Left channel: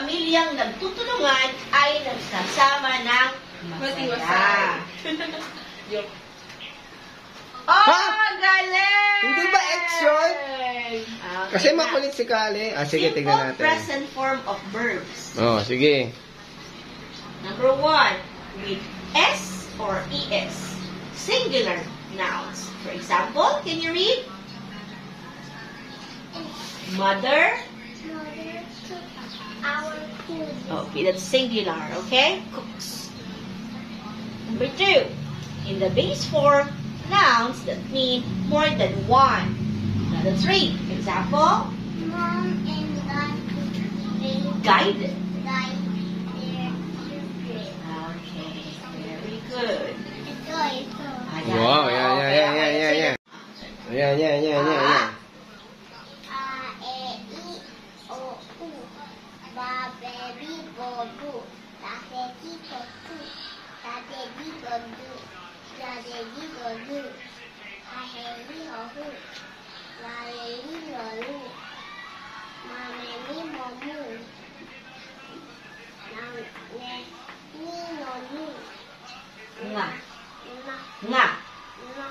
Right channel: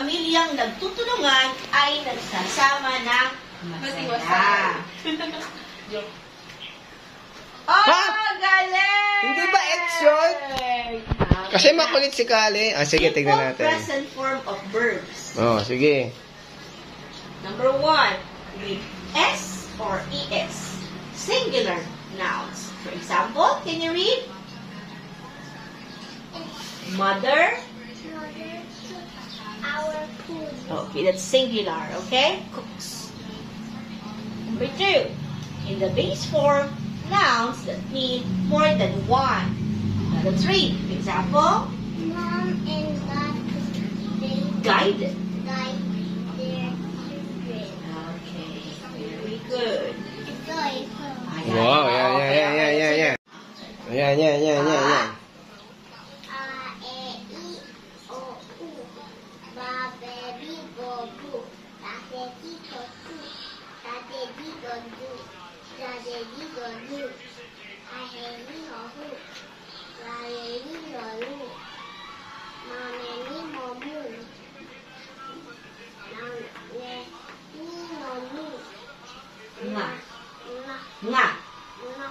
pamilyang nagtutulungan ay nagsasama ng masaya. Oh, galing! Hindi ba X yun? Okay. Kasi makulit si Kali. Ah, sige, tignan Simple natin. present form of verbs. Oh, sige. Number 1, with S or ES. Singular nouns. For example, can you read? Mother. Our food. Okay, that's singular, okay? Cooks. Number 2, in the base form, nouns that mean more than one. Number 3, example, Mom and Dad guide. guide their children. Okay, very good. Ito. Ayan. Wow, yan. Yan. A, E, I, O, U. Ba, be, bi, bo, bu. Ta, se, ti, to, tu. Ta, te, di, go, du. Ta, de, di, go, du. Ha, he, li, ho, hu. La, le, li, lo, lu. Ma, me, li, mo, mu. Na, ne, ni, no, nu. Nga. Na, Nga. na,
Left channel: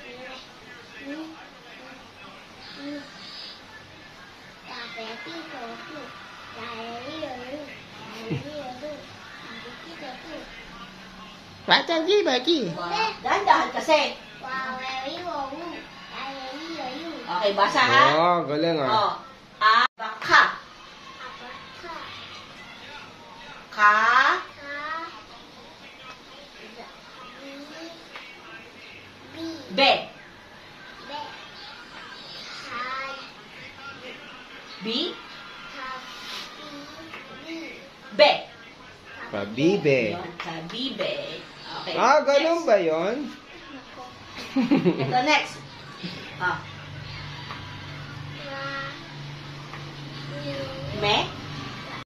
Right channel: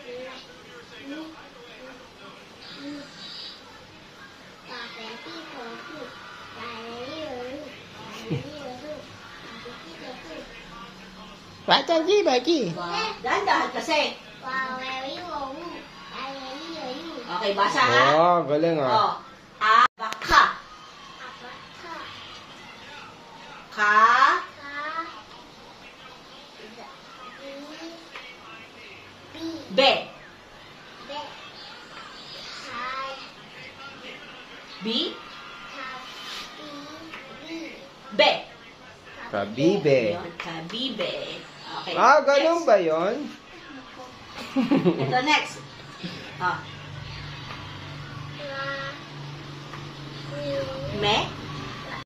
ne, ni. Ta, te, ti, to, tu. Ta, le, li, lo, lu. Ta, le, li, lo, lu. Ta, te, ti, to, tu. Bagi. Dahan-dahan kasi. Wow, very wow. Ta, le, li, lo, lu. Okay, basa ha? Oh, galing ah. Oh. A, baka. Apa, ka, Ka, ka, da, bi, be. be, ha, Bi, ta, bi, be. Pabibe. Yun, kabibe. Okay. Ah, ganun ba yun? Ito next. Ah,